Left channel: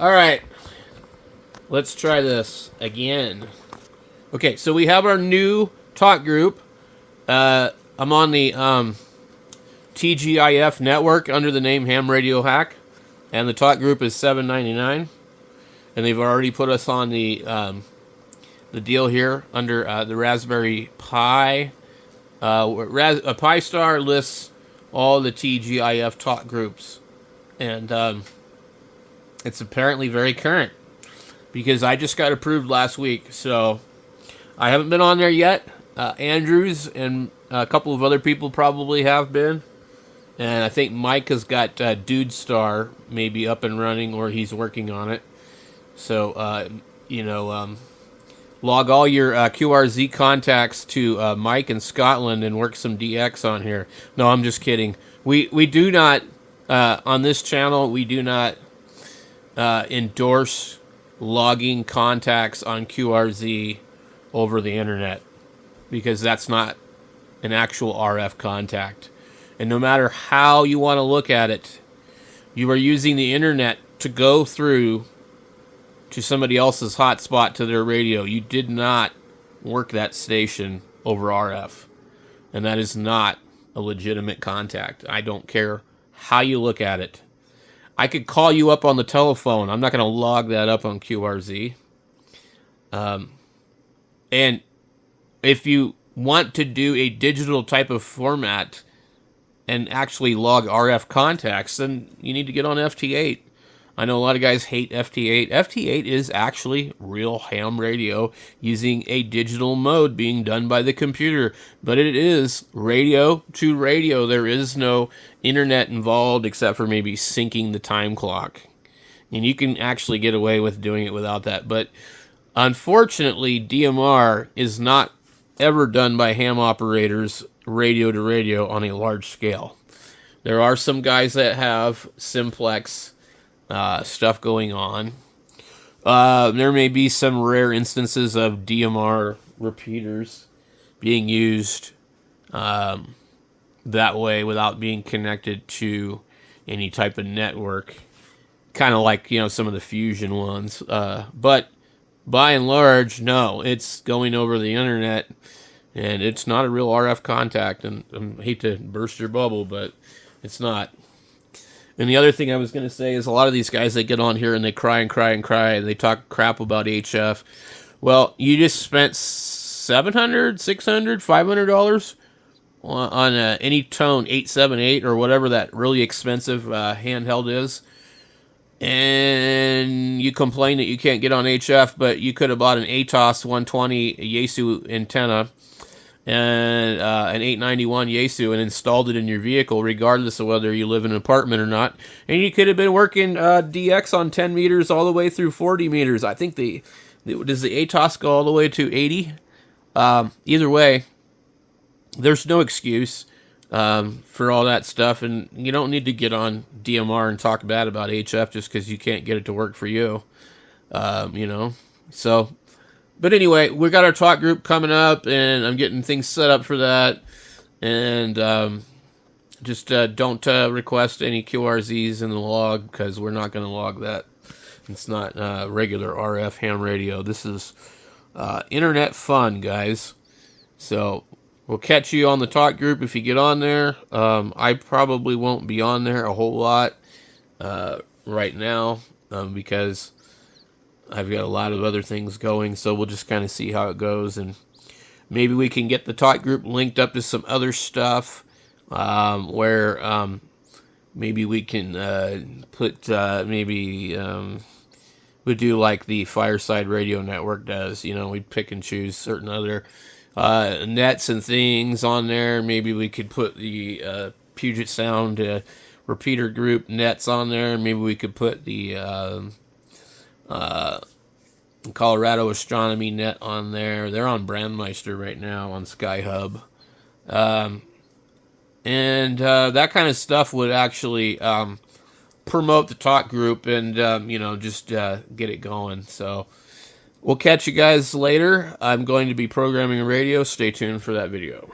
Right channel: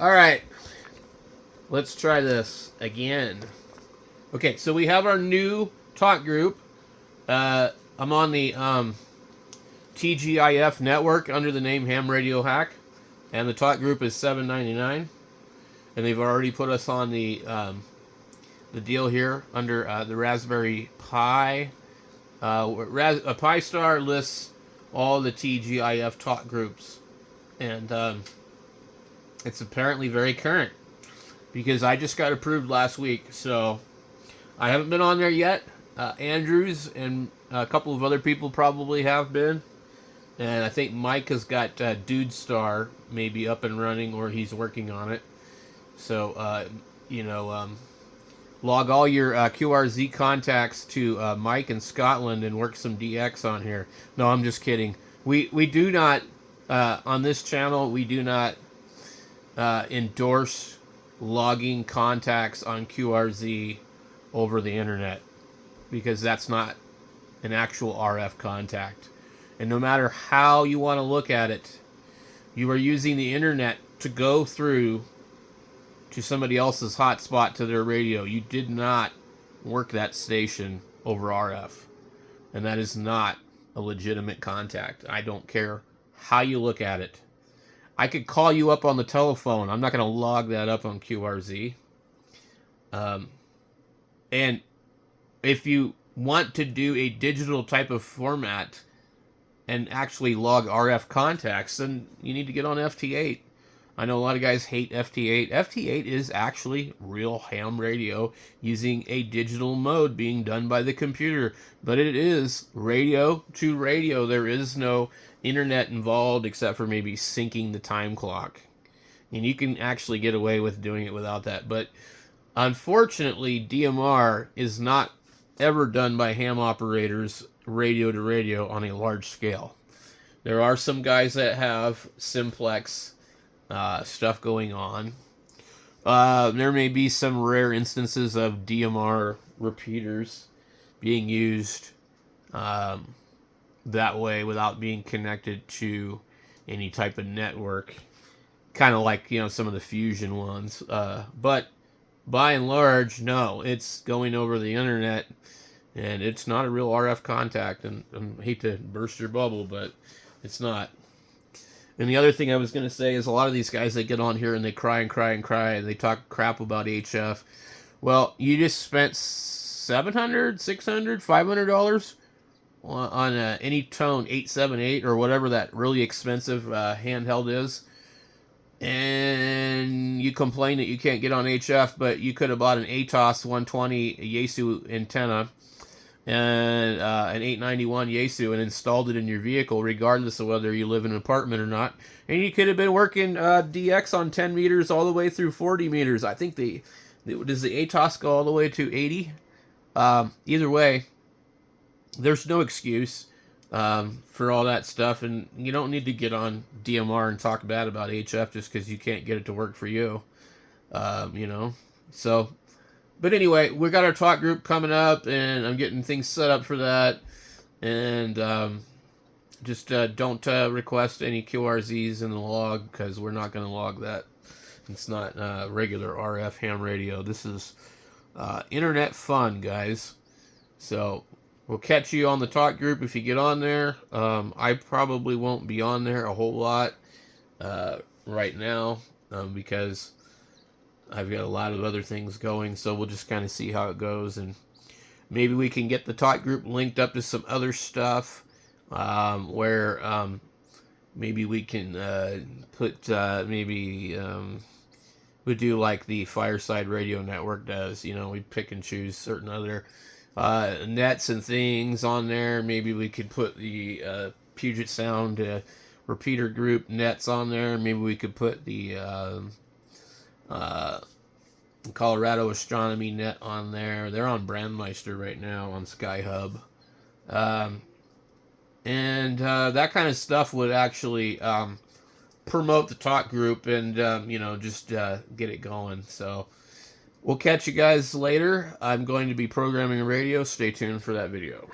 All right, let's try this again. Okay, so we have our new talk group. I'm on the TGIF network under the name Hamradiohack, and the talk group is $7.99, and they've already put us on the deal here under the Raspberry Pi. A Pi Star lists all the TGIF talk groups, and it's apparently very current because I just got approved last week, so I haven't been on there yet. Andrews and a couple of other people probably have been, and I think Mike has got Dude Star maybe up and running, or he's working on it. So log all your QRZ contacts to Mike in Scotland and work some DX on here. No, I'm just kidding. We do not on this channel. We do not endorse logging contacts on QRZ over the internet, because that's not an actual RF contact. And no matter how you want to look at it, you are using the internet to go through to somebody else's hotspot to their radio. You did not work that station over RF. And that is not a legitimate contact. I don't care how you look at it. I could call you up on the telephone. I'm not going to log that up on QRZ. And if you want to do a digital type of format and actually log RF contacts, then you need to get on FT8. I know a lot of guys hate FT8. FT8 is actually real ham radio using a digital mode being done by the computer, but it is radio to radio. There is no internet involved except for maybe syncing the time clock. And you can actually get away with doing it without that. But unfortunately, DMR is not ever done by ham operators radio to radio on a large scale. There are some guys that have simplex stuff going on. There may be some rare instances of DMR repeaters being used that way without being connected to any type of network, kind of like some of the fusion ones. But by and large, no, it's going over the internet, and it's not a real RF contact. And I hate to burst your bubble, but it's not. And the other thing I was going to say is a lot of these guys that get on here and they cry and cry and cry and they talk crap about HF. Well, you just spent $700, $600, $500 on any tone 878 or whatever that really expensive handheld is. And you complain that you can't get on HF, but you could have bought an ATOS 120 Yaesu antenna and an 891 Yaesu and installed it in your vehicle, regardless of whether you live in an apartment or not. And you could have been working DX on 10 meters all the way through 40 meters. I think does the ATOS go all the way to 80? Either way, there's no excuse for all that stuff, and you don't need to get on DMR and talk bad about HF just because you can't get it to work for you. So. But anyway, we got our talk group coming up, and I'm getting things set up for that. And just don't request any QRZs in the log, because we're not going to log that. It's not regular RF ham radio. This is internet fun, guys. So we'll catch you on the talk group if you get on there. I probably won't be on there a whole lot right now because I've got a lot of other things going, so we'll just kind of see how it goes, and maybe we can get the talk group linked up to some other stuff where maybe we can put we do like the Fireside Radio Network does. We pick and choose certain other nets and things on there. Maybe we could put the Puget Sound repeater group nets on there. Maybe we could put the Colorado Astronomy net on there. They're on Brandmeister right now on Skyhub. And that kind of stuff would actually promote the talk group and, just get it going. So we'll catch you guys later. I'm going to be programming a radio. Stay tuned for that video.